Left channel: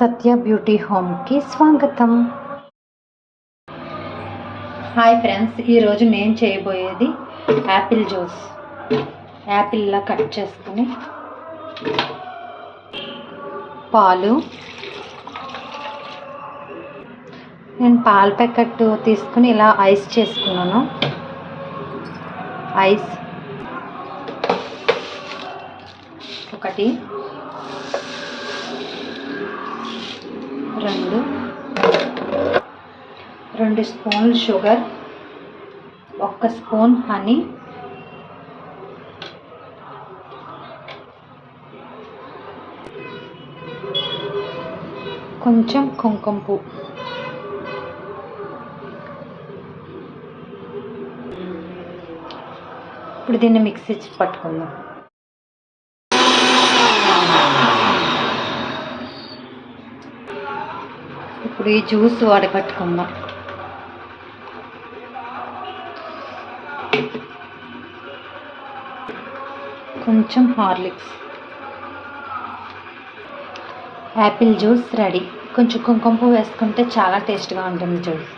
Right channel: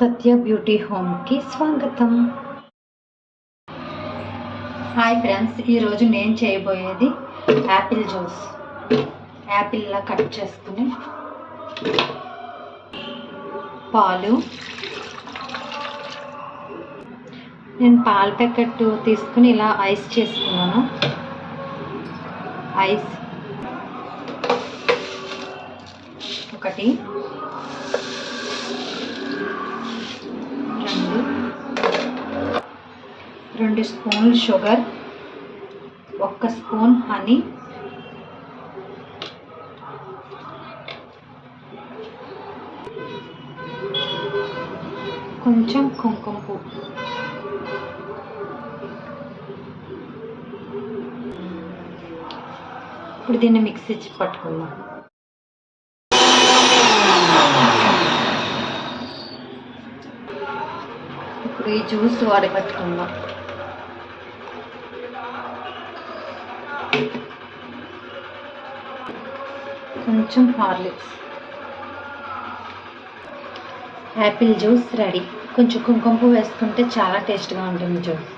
సత్య beauty హోమ్కి స్వాగతం. Hi friends, ఈరోజు నేను చేయబోయేది యాపిల్ జ్యూస్. యాపిల్లా కట్ చేసుకుని పాలు, నేను పాల ప్యాకెట్ తీసుకుని ఇలా ఐస్ చేసుకున్నాను. ఐస్ ఒకటి, రెండు స్పూన్లు షుగర్, 1 స్పూన్ హనీ, కొంచెం కుంకుమ పువ్వు. ఇప్పుడు దీన్ని మిక్సీ పట్టుకుందాం. ఇప్పుడు ఈ జ్యూస్ వడగట్టుకుందాం. కొంచెం హార్లిక్స్. Apple juice ready. కొంచెం కుంకుమ పువ్వు వేసుకుంటే చాలా టేస్ట్గా ఉంటుంది జ్యూస్.